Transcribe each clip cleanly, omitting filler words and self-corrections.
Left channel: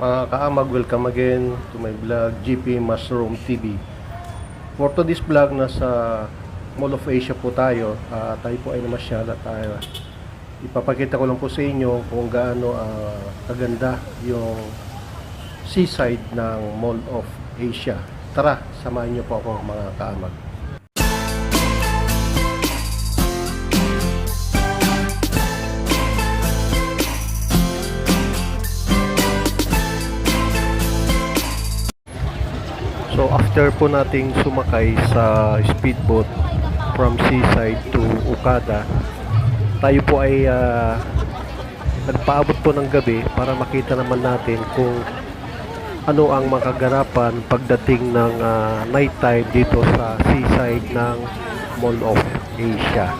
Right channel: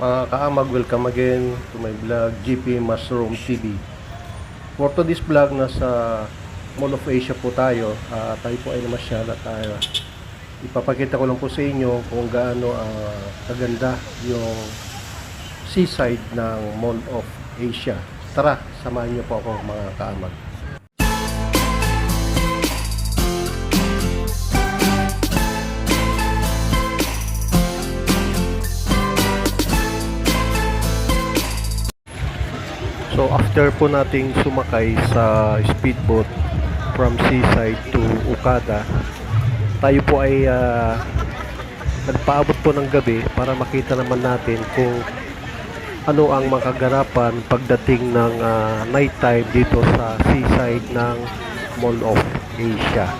Mga kaamag, welcome again to my vlog, GP Mushroom TV. For today's vlog, nasa Mall of Asia po tayo. Tayo po ay namasyal at ipapakita ko lang po sa inyo kung gaano kaganda yung seaside ng Mall of Asia. Tara, samahan niyo po ako mga kaamag. So after po nating sumakay sa speedboat from Seaside to Okada, tayo po ay nagpaabot po ng gabi para makita naman natin kung ano ang makagarapan pagdating ng night time dito sa Seaside ng Mall of Asia.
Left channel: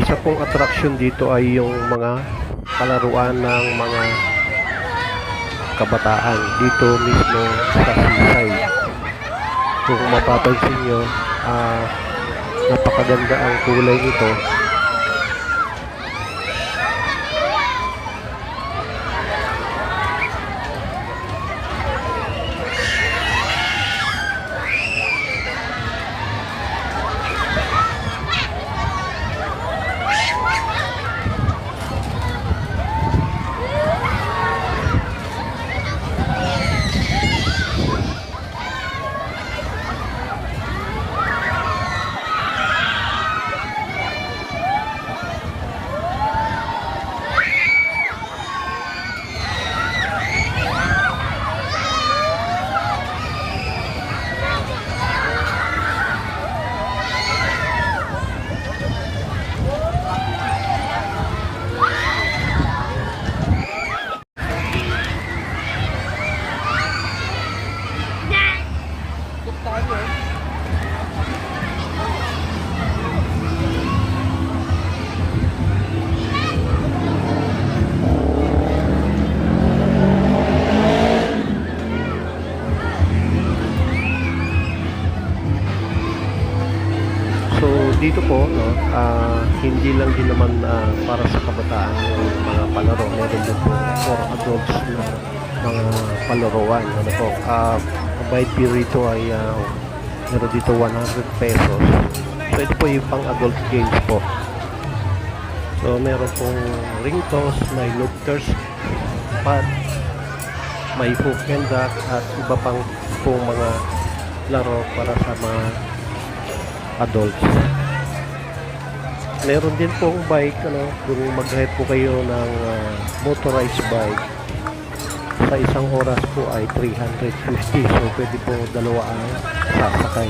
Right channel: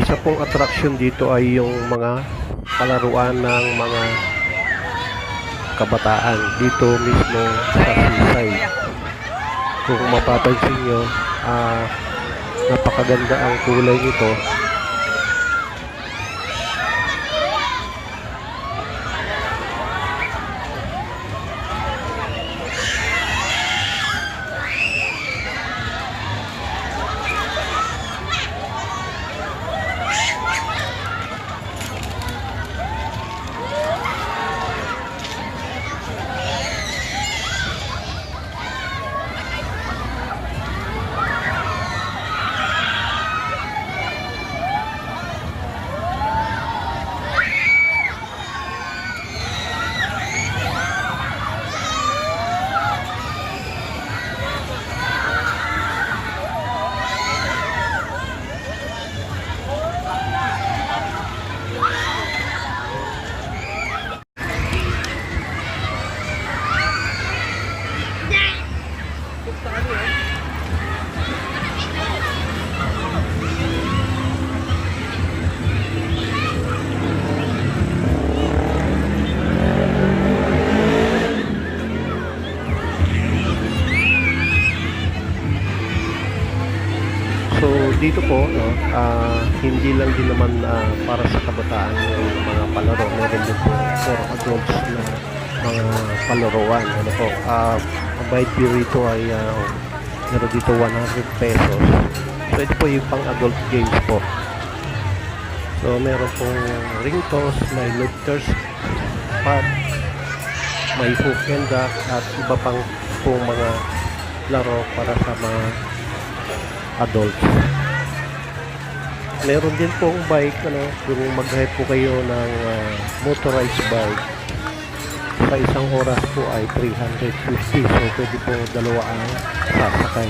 Isa pong attraction dito ay yung mga palaruan ng mga kabataan dito mismo sa Seaside. Kung mapapansin nyo, napakaganda ang kulay nito. So dito po hindi lang din naman para sa kabataan yung mga palaro, meron din po for adults na mga palaruan. Ano po, ang bayad fee rito ay meron dito 100 pesos. So ito po yung pang adult games po. So meron pong ring toss, may looters pad, may hook and duck at iba pang pong mga laro para sa mga adults. Meron din pong bike, yung mag-ride po kayo ng motorized bike, sa isang oras po ay 350. So pwede po dalawa ang sasakay.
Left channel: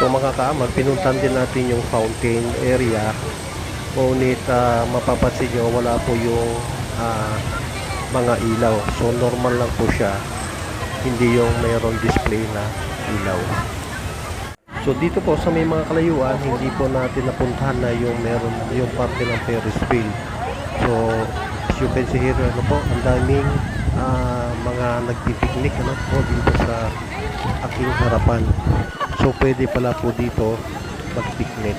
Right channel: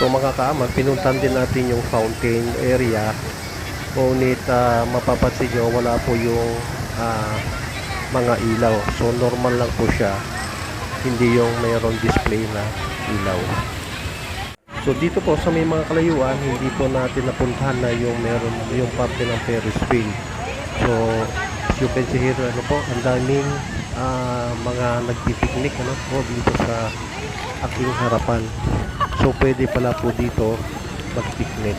So mga kaamag, pinuntan din natin yung fountain area. Ngunit mapapansin nyo, wala po yung mga ilaw. So normal lang po siya, hindi yung mayroong display na ilaw. So dito po sa may mga kalayuan, hindi po natin napuntahan na yung meron yung parte ng Ferris wheel. So as you can see here, ang daming mga nagpipiknik po dito sa aking harapan. So pwede pala po dito mag-picnic.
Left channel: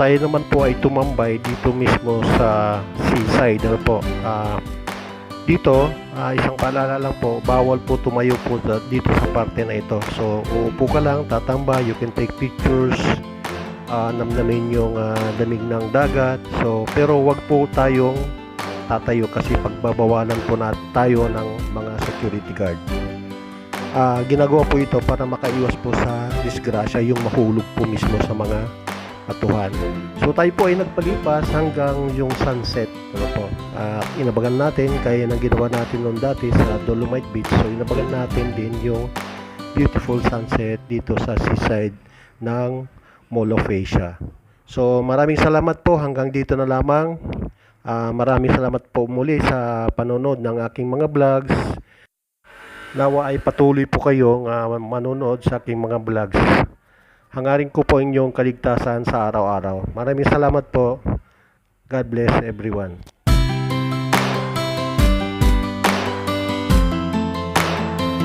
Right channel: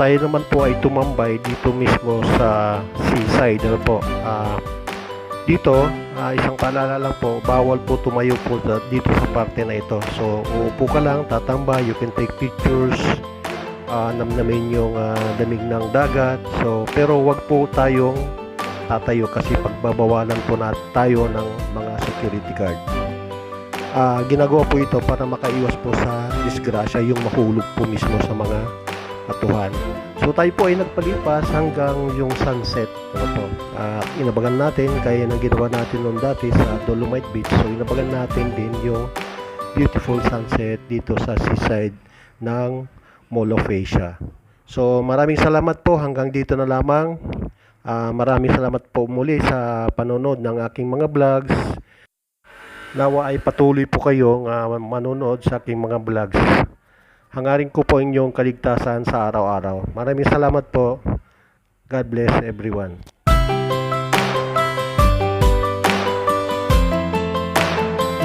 tayo naman po ay tumambay dito mismo sa seaside. Ano po? Dito, isang paalala lang po, bawal po tumayo po dito sa parte na ito. So, uupo ka lang, tatambay, you can take pictures, namnamin yung lamig ng dagat. So, pero wag po tayong tatayo kasi pagbabawalan po na tayo ng mga security guard. Ginagawa po ito para makaiwas po sa disgrasya, yung mahulog po mismo sa mga batuhan. So tayo po ay nagpalipas hanggang yung sunset. Ano po? Inabagan natin kaya nang ginawa natin noon dati sa Dolomite Beach. So inabagan natin din yung beautiful sunset dito sa seaside ng Mall of Asia. So maraming salamat po, hanggang dito na lamang. Maraming salamat po muli sa panonood ng aking mga vlogs. Nawa ay patuloy po kayong manonood sa aking mga vlogs. Hangarin ko po inyong kaligtasan sa araw-araw. Maraming salamat po. God bless everyone.